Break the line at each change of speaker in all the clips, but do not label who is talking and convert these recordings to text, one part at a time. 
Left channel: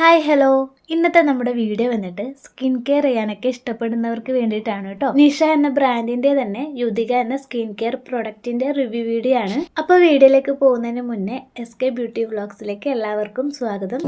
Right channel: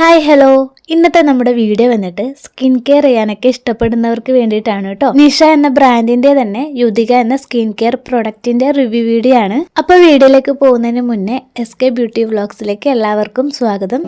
Hi hello ഇന്നത്തെ നമ്മുടെ video വന്നിട്ട് സ്കിൻ കെയർ ചെയ്യാനൊക്കെ ഇഷ്ടപ്പെടുന്നവർക്ക് വേണ്ടിയിട്ടാണ് കേട്ടോ. നിഷ എന്ന ബ്രാൻഡിന്റെ തന്നെ യുതിക എന്ന സ്കിൻ കെയർ പ്രൊഡക്റ്റിന്റെ റിവ്യൂ വീഡിയോ ആണ് അപ്പോൾ വീഡിയോയിലേക്ക് പോകുന്നതിന് മുന്നേ എസ് കെ ബ്യൂട്ടി വ്ളോഗ്സിലേക്ക് എല്ലാവർക്കും സ്വാഗതം.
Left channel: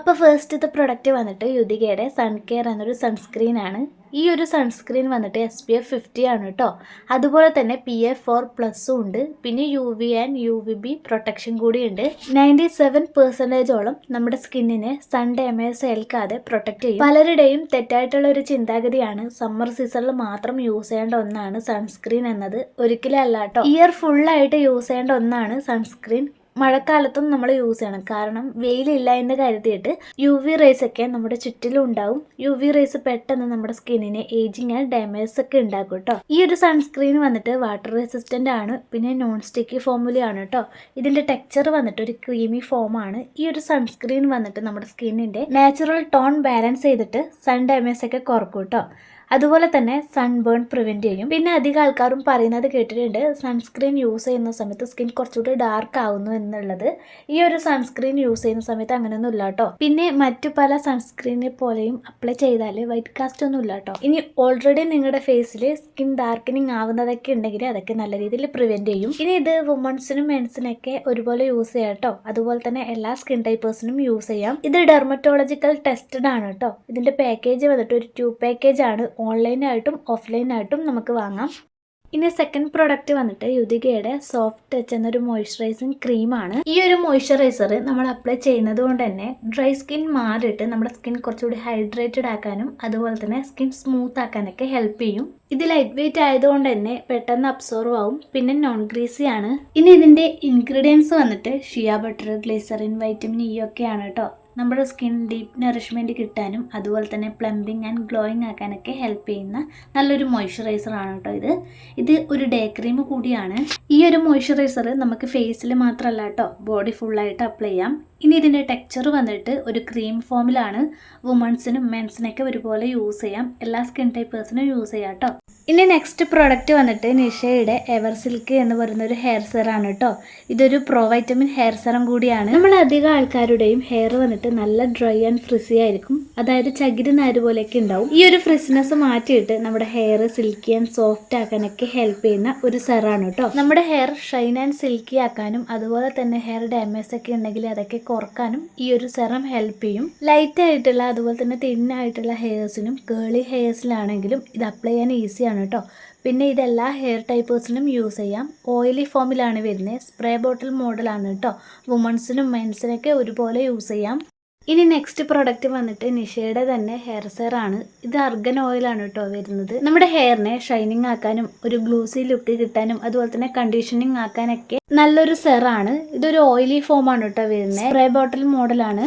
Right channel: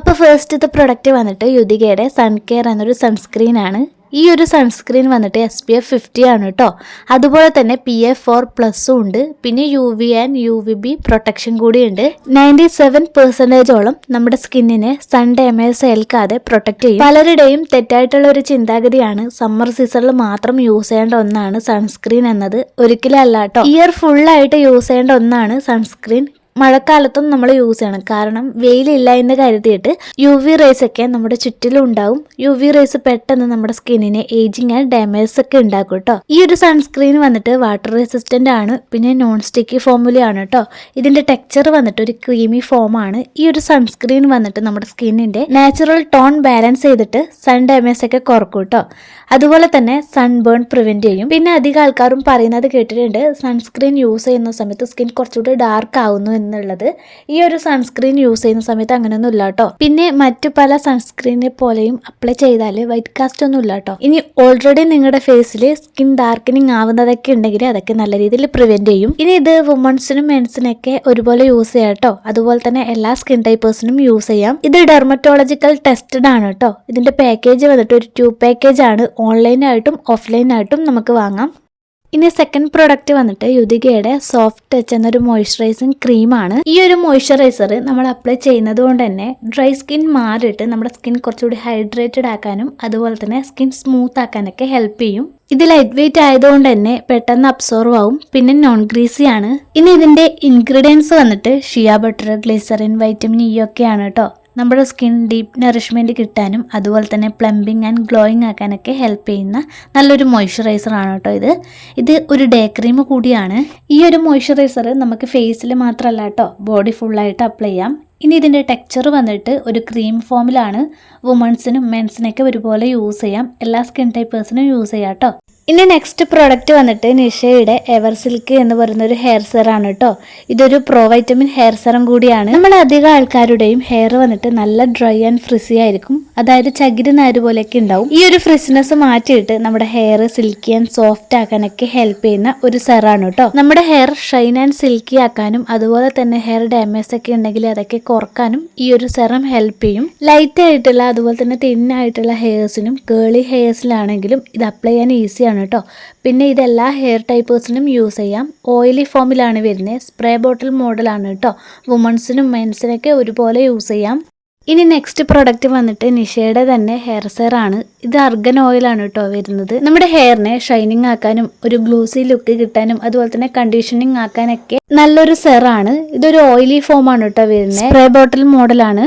അപ്പോൾ ഇത് പ്രൊഡക്റ്റ് വന്നിട്ട് യുതികയുടെ സൺ കെയർ എന്നൊരു സൺസ്ക്രീൻ ആണ്. ഈ ഒരു സൺസ്ക്രീൻ വന്നിട്ട് എസ് പി എഫ് ഫിഫ്റ്റി ആണ് കേട്ടോ അതുപോലെ തന്നെ പി എഫ് ഫോർ പ്ലസും ഉണ്ട്. പിന്നെ U V and U V B protection കൂടിയുണ്ട് നയന്റി സെവൻ പെർസെന്റേജോളം നമ്മുടെ സ്കിന്നിനെ സൺ ഡാമേജ് ഏൽക്കാതെ പ്രൊട്ടക്ട് ചെയ്യും. പലരുടെയും തെറ്റായിട്ടുള്ള ഒരു ചിന്താഗതിയാണ് സമ്മർ സീസണിൽ മാത്രം യൂസ് ചെയ്യേണ്ട ഒന്നാണ് സൺസ്ക്രീൻ എന്നത്. ഒരിക്കലല്ല കേട്ടോ ഇയർ ഫുള്ളായിട്ട് യൂസ് ചെയ്യേണ്ട ഒന്നാണ് സൺസ്ക്രീൻ മഴക്കാലത്തും നമ്മൾ യൂസ് ചെയ്യണം. കാരണം വെയിലില്ല എന്ന് കരുതിയിട്ട് യു വി റേസ് ഒക്കെ നമ്മുടെ ചുറ്റിലും ഉണ്ടാവും. യു വി റേസ് പെട്ടെന്ന് നമ്മുടെ സ്കിന്നിനെ ഏജിങ് ആൻഡ് ഡാമേജസ് ഒക്കെ ഉണ്ടാക്കും കേട്ടോ ഈ ഒരു സൺസ്ക്രീൻ വന്നിട്ട് വാട്ടർ റെസിസ്റ്റന്റ് ആണ്. പിന്നെ നോൺ സ്റ്റിക്കി ഫോമുലയാണ് കേട്ടോ ഇതിന്റെ ടെക്സ്ചർ വന്നിട്ട് ഒരു ക്രീമി ഫോം ആണ്. ഈ ഒരു സൺസ്ക്രീൻ വന്നിട്ട് നമ്മുടെ സ്കിന്നിന്റെ നാച്ചുറൽ ടോൺ ബാലൻസ് ചെയ്തിട്ട് സൺ ഡാമേജ് ഒക്കെ കുറക്കും കേട്ടോ അതുപോലെ തന്നെ സൺബേൺ പ്രിവെന്റ് ചെയ്യും. പിന്നെ അധികം ആൾക്കാരും പറയുന്നത് കേട്ടിട്ടുണ്ട് സൺസ്ക്രീൻ യൂസ് ചെയ്യുന്ന സമയത്ത് സ്കിൻ കുറച്ചുകൂടി ഡാർക്ക് ആവുന്നു എന്നുള്ളത് ഈ ഒരു സൺസ്ക്രീൻ യൂസ് ചെയ്യുന്ന സമയത്ത് അങ്ങനെയൊന്നും ഇല്ല കേട്ടോ പിന്നെ മറ്റു പല സൺസ്ക്രീനെ പോലെയും അപ്ലൈ ചെയ്താൽ വൈറ്റ് കാസ്റ്റ് ഒന്നും ഇല്ല കേട്ടോ ഇനി ഓൾറെഡി നിങ്ങളുടെ ഫേസിൽ സ്കിൻ ഡാർക്കനിങ് ആവുന്നതൊക്കെ ഉണ്ടെങ്കിൽ അതൊക്കെ നല്ല രീതിയിൽ പ്രിവെന്റ് ചെയ്യും. ഇനി ഇത് വുമൺസിനും മെൻസിനൊക്കെ ഒരുപോലെ യൂസ് ചെയ്യാം കേട്ടോ അതുപോലെ തന്നെ എല്ലാ സ്കിൻ ടൈപ്പേഴ്സിനും യൂസ് ചെയ്യാം. ഇത് ഡെർമറ്റോളജിക്കൽ ടെസ്റ്റഡ് ആണ് കേട്ടോ ഇതിന്റെ പാക്കേജ് വന്നിട്ട് ഒരു ട്യൂബ് പാക്കേജ് ആണ്. ഓൺലൈനായിട്ടും ഓഫ്ലൈനായിട്ടും നമുക്ക് വാങ്ങാം. ഇനി സെക്കൻഡ് പ്രൊഡക്റ്റ് വന്നിട്ട് യുതികയുടെ സോഫ്റ്റ് ടച്ച് എന്നൊരു മോയ്സ്ചറൈസിങ് ക്രീമാണ് ഈ ഒരു മോയ്സ്ചറൈസർ നമ്മൾ അപ്ലൈ ചെയ്യുന്നത് കൊണ്ട് തന്നെ ഡ്രൈ സ്കിൻ മാറിയിട്ട് നമ്മുടെ സ്കിൻ കുറച്ചുകൂടി ഹൈഡ്രേറ്റഡ് ആക്കാനും അതുപോലെ തന്നെ സ്കിൻ സ്മൂത്ത് ആക്കാനൊക്കെ ഹെൽപ്പ് ചെയ്യും. ഇത് ലൈറ്റ് വെയിറ്റ് ആയതുകൊണ്ട് തന്നെ പെട്ടെന്ന് അബ്സോർവ് ആവും പിന്നെ നോൺ ഗ്രീസി ആണ്. ഇനി ഇതിന്റെ ഇൻഗ്രീഡിയൻസ് വന്നിട്ട് shea butter glycerin vitamin E ഒക്കെയാണ് കേട്ടോ നമ്മുടെ സ്കിൻ ഡീപ്പ് നറിഷ്മെന്റ് കിട്ടാനും അതുപോലെ തന്നെ പ്ലംബിങ് ആൻഡ് ഗ്ലോയിങ് ആക്കാനൊക്കെ ഹെൽപ്പ് ചെയ്യുന്ന നല്ലൊരു ആണ് കേട്ടോ ഇത്. ഇത് ഒരു ഡേ ക്രീം കൂടിയാണ്. ഈ ഒരു മോയ്സ്ചറൈസർ നമുക്ക് ഫേസിൽ മാത്രമല്ല കേട്ടോ ബോഡി ഫുള്ളായിട്ട് അപ്ലൈ ചെയ്യാം. ഇനി ഇതിന്റെ ടെക്സ്ചർ വന്നിട്ട് ഒരു ക്രീം ഫോമിലാണ് വുമൺസിനും മെൻസിനൊക്കെ ഒരുപോലെ യൂസ് ചെയ്യാം. എല്ലാ സ്കിൻ ടൈപ്പേഴ്സിനും യൂസ് ചെയ്യാം കേട്ടോ. ഇനി നെക്സ്റ്റ് പ്രോഡക്റ്റ് വന്നിട്ട് നിഷയുടെ എവർ സിൽക്ക് എന്ന് പറയുന്ന ഒരു ഹെയർ സെറാണ് കേട്ടോ ഇതൊരു പ്രോ വൈറ്റമിൻ ഹെയർ സെറം കൂടിയാണ്. നമ്മൾ അധികം ആൾക്കാരുടെയും ഹെയർ വന്നിട്ട് നല്ല ഡ്രൈ ആൻഡ് ഫ്രിസി ആയിരിക്കും. അതായത് ചകിരി നാര് പോലെയൊക്കെ ഉണ്ടാവും. ഈ ഒരു ഫ്രിസിനെസ് മാറ്റിയിട്ട് നമ്മുടെ ഹെയർ സിൽക്കി ആൻഡ് സോഫ്റ്റ് ആക്കാനൊക്കെ ഹെൽപ്പ് ചെയ്യുന്ന ഒരു സെറാണ് കേട്ടോ നമ്മുടെ ഹെയർ ഷൈൻ ആൻഡ് സിൽക്കി ആക്കാനും അതുപോലെ തന്നെ ഹെയർ ഡാമേജ് ഒക്കെ ഉണ്ടെങ്കിൽ അതൊക്കെ കുറക്കാനും ഈ ഒരു സെറം ഹെൽപ്പ് ചെയ്യും. ലൈറ്റ് ആയിട്ടുള്ള അതുപോലെ തന്നെ തിന്നായിട്ടുള്ള ഹെയർസിനും കേളി ഹെയർസിലാണെങ്കിലും ഇത് അപ്ലൈ ചെയ്യാൻ ഈസിയാണ് കേട്ടോ പിന്നെ ഇതെല്ലാ ഹെയർ ടൈപ്പേഴ്സിനും യൂസ് ചെയ്യാം. ഓയിലി ഫോമിലാണ് വരുന്നത് സ്പ്രേ ബോട്ടിൽ മോഡലാണ് കേട്ടോ വുമൺസിനും മെൻസിനൊക്കെ ഒരുപോലെ യൂസ് ചെയ്യാം. ഇനി നെക്സ്റ്റ് പ്രൊഡക്റ്റ് വന്നിട്ട് നിഷയുടെ തന്നെ ഹെയർ സെയർ ആണ്. ഇത് അർഗൻ ഓയിലാണ് കേട്ടോ വരുന്നത്. നമ്മുടെ ഹെയറിനെ ഷൈനിങ് ആക്കാനും ഒരു ഗ്ലൂസി ലുക്ക് കിട്ടാനും അതുപോലെ തന്നെ കണ്ടീഷനിങ് ആക്കാനൊക്കെ നല്ലൊരു സെറാണ് ഇതൊരു ഓയിലി ഫോം ആണ് കേട്ടോ വരുന്നത് സ്പ്രേ ബോട്ടിൽ മോഡലാണ്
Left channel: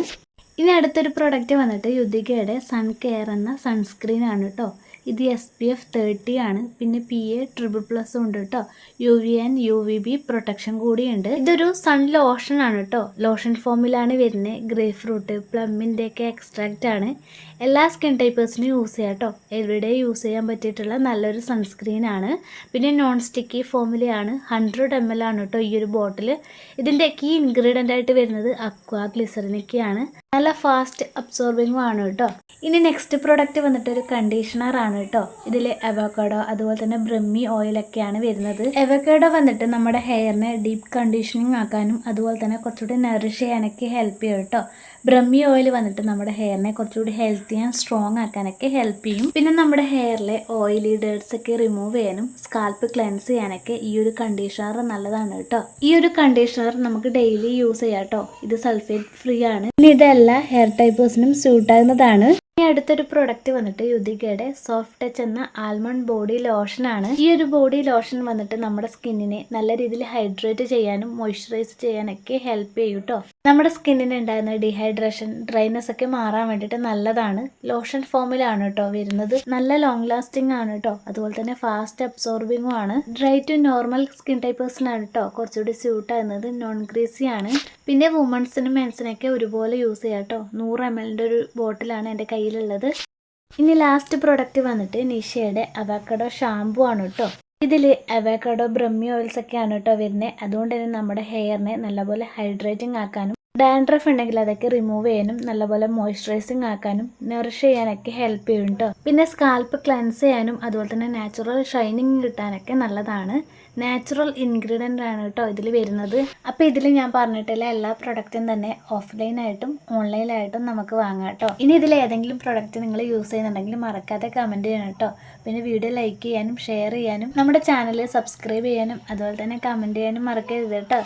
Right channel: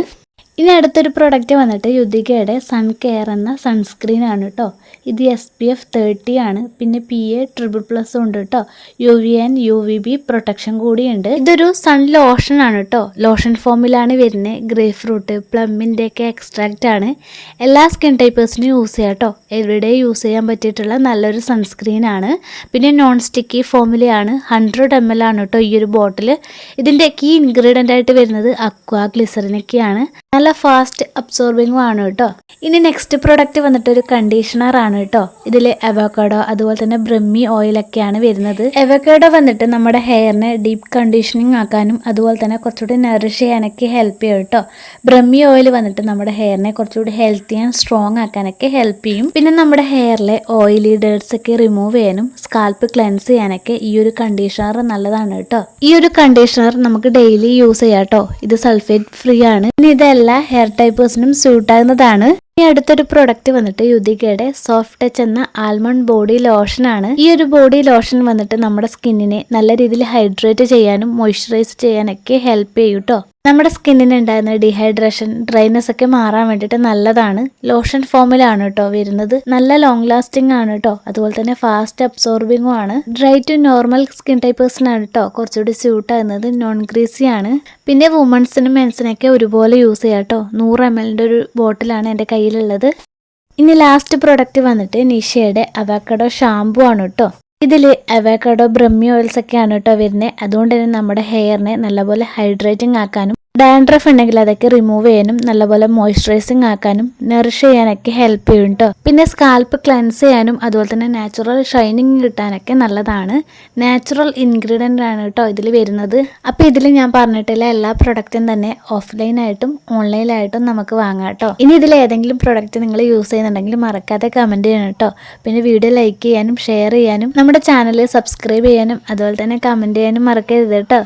ഇനി അടുത്തൊരു പ്രൊഡക്റ്റ് വന്നിട്ട് യുദ്ധികയുടെ സൺ കെയർ എന്ന സൺസ്ക്രീൻ ആണ് കേട്ടോ ഇത് എസ് പി എഫ് തേർട്ടി ആണ്. പിന്നെ പി എ ട്രിപ്പിൾ പ്ലസ് ഉണ്ട് കേട്ടോ U V and U V B protection കൂടിയുണ്ട്. ഇതൊരു സൺ ലോഷൻ ആണ് കേട്ടോ ലോഷൻ ഫോമിലാണ് വരുന്നത് ഗ്രേ ഫ്രൂട്ട് പ്ലമ്മിന്റെ ഒക്കെ എക്സ്ട്രാക്റ്റ് ആണ്. എല്ലാ സ്കിൻ ടൈപ്പേഴ്സിനും യൂസ് ചെയ്യാം കേട്ടോ എവിടെ യൂസ് ചെയ്യാൻ പറ്റിയിട്ടുള്ള നല്ലൊരു സൺസ്ക്രീൻ ആണ്. പിന്നെ നോൺ സ്റ്റിക്കി ഫോമിലെയാണ് ഹൺഡ്രഡ് എം എൽ ആണ് കേട്ടോ ഈ ഒരു ബോട്ടിൽ ഇതിന്റെ കീ ഇൻഗ്രീഡിയന്റ് ആയിട്ട് വരുന്നത് അക്വാ ഗ്ലിസറിനൊക്കെയാണ് നല്ല ഫാസ്റ്റ് അബ്സോർബിങ്ങും ആണ് കേട്ടോ ഇനി നെക്സ്റ്റ് പ്രൊഡക്റ്റ് വന്നിട്ട് ഒരു കണ്ടീഷണർ ആണ്. കേട്ടോ. ഇതിൽ അവക്കാഡോ അതുപോലെ തന്നെ ബ്രഹ്മി ഓയിലൊക്കെയാണ് വരുന്നത്. അവക്കാഡോ വന്നിട്ട് നമ്മുടെ ഹെയറിനെ ഡീപ്പ് കണ്ടീഷനിങ് ആക്കാനും അതുപോലെ തന്നെ കുറച്ചുകൂടി നറിഷ് ചെയ്യാനൊക്കെ ഹെൽപ്പ് ചെയ്യും കേട്ടോ. ബ്രഹ്മി ഓയിൽ വന്നിട്ട് നമ്മുടെ ഹെയറിനെ കുറച്ചുകൂടി ഹെൽത്തി ആൻഡ് സ്ട്രോങ് ആക്കാനൊക്കെ ഹെൽപ്പ് ചെയ്യും. പിന്നെ നമ്മുടെ ഹെയറിലെ ഓയിലി ഡേർട്സ് ഒക്കെ റിമൂവ് ചെയ്യാനും സ്കാൽപ്പ് ക്ലെൻസ് ചെയ്യാനൊക്കെ ഈ ഒരു കണ്ടീഷണർ നല്ലതാണ് കേട്ടോ. ഈ ഒരു കണ്ടീഷണർ നമുക്ക് ഡെയിലി യൂസ് ചെയ്യാം കേട്ടോ. ഇത് സൾഫേറ്റ് ഫ്രീ ആണ്. ഇനി ഇതെല്ലാ ഹെയർ ടൈപ്പേഴ്സിനും സ്യൂട്ട് ആകുന്നതാണ്. ഇനി അടുത്തൊരു പ്രൊഡക്റ്റ് വന്നിട്ട് യുദികയുടെ സോഫ്റ്റ് ടച്ച് എന്ന ആൽമണ്ട് ബോഡി ലോഷൻ ആണ്. ഈ ഒരു ബോഡി ലോഷൻ വന്നിട്ട് നമ്മുടെ സ്കിന്നിനെ നല്ല രീതിയിൽ ഹൈഡ്രേറ്റ് ചെയ്യാനും മോയ്സ്ചറൈസ് ചെയ്യാനൊക്കെ ഹെൽപ്പ് ചെയ്യൂട്ടോ നമ്മുടെ സ്കിന്നിന് ഉണ്ടാകുന്ന ഡീഹൈഡ്രേഷൻ ഡ്രൈനസ് ഒക്കെ മാറാൻ വേണ്ടിയിട്ട് നല്ലതാണ്. ലോഷൻ ഫോമിലാണ് കേട്ടോ വരുന്നത്. നല്ല ലോങ് ലാസ്റ്റിംഗ് ആണ് കേട്ടോ അതുപോലെ തന്നെ ഫാസ്റ്റ് അബ്സോർബിങ്ങും ആണ്. ഡ്രൈ ടു നോർമൽ സ്കിൻ ടൈപ്പേഴ്സിനാണ് കേട്ടോ കുറച്ചുകൂടി സ്യൂട്ട് ആകുന്നത്. നോൺ ഗ്രീസി ആണ്. പിന്നെ വുമൺസിനും മെൻസിനൊക്കെ ഒരുപോലെ യൂസ് ചെയ്യാം കേട്ടോ നൂറ് എം എല്ലിന്റെ ഒരു ബോട്ടിലാണ് എന്റെ കയ്യിലുള്ളത്. ഇനി ലാസ്റ്റ് പ്രൊഡക്റ്റ് വന്നിട്ട് നിഷയുടെ അവാക്കഡോ ഷാംപു ആണ് കേട്ടോ ഇതിൽ അവക്കാഡോ ബ്രഹ്മി ഓയിൽസ് ഒക്കെയാണ് കേട്ടോ വരുന്നത്. അതുകൊണ്ട് തന്നെ നമ്മുടെ ഹെയറിനെ നല്ലപോലെ ഹൈഡ്രേറ്റിംഗ് ആക്കാനും ഡാൻഡ്രഫ് ഉണ്ടെങ്കിൽ അതൊക്കെ റിമൂവ് ചെയ്യാനും നല്ലപോലെ മോയ്സ്ചറൈസിങ് ആക്കാനും നറിഷ് ചെയ്യാനൊക്കെ ഹെൽപ്പ് ചെയ്യും പിന്നെ സ്കാൽപ്പ് ക്ലെൻസ് ചെയ്യാനും അതുപോലെ തന്നെ നാച്ചുറൽ ഷൈനിങ് കിട്ടാനൊക്കെ നല്ലതാണ്. നാച്ചുറൽ ഇൻഗ്രീഡിയന്റ് ആണ് കേട്ടോ ഇതിൽ വരുന്നത്. അപ്പോൾ ഇതിൽ ഞാൻ പറഞ്ഞിട്ടുള്ള എല്ലാ പ്രൊഡക്റ്റും തന്നെ ഓഫ്ലൈനായിട്ടും ഓൺലൈനായിട്ടും നമുക്ക് വാങ്ങാം കേട്ടോ ഇനി ഇതിൽ ഏതെങ്കിലും പ്രൊഡക്റ്റ് നിങ്ങൾ യൂസ് ചെയ്യുന്നുണ്ടെങ്കിൽ മറക്കാതെ കമന്റ് ചെയ്യണം കേട്ടോ പിന്നെ വീഡിയോ ലൈക്ക് ചെയ്യാനും ഷെയർ ചെയ്യാനും നമ്മുടെ ചാനൽ സബ്സ്ക്രൈബ് ചെയ്യാനും അതുപോലെ തന്നെ കമന്റ് ചെയ്യാനും മറക്കരുത് കേട്ടോ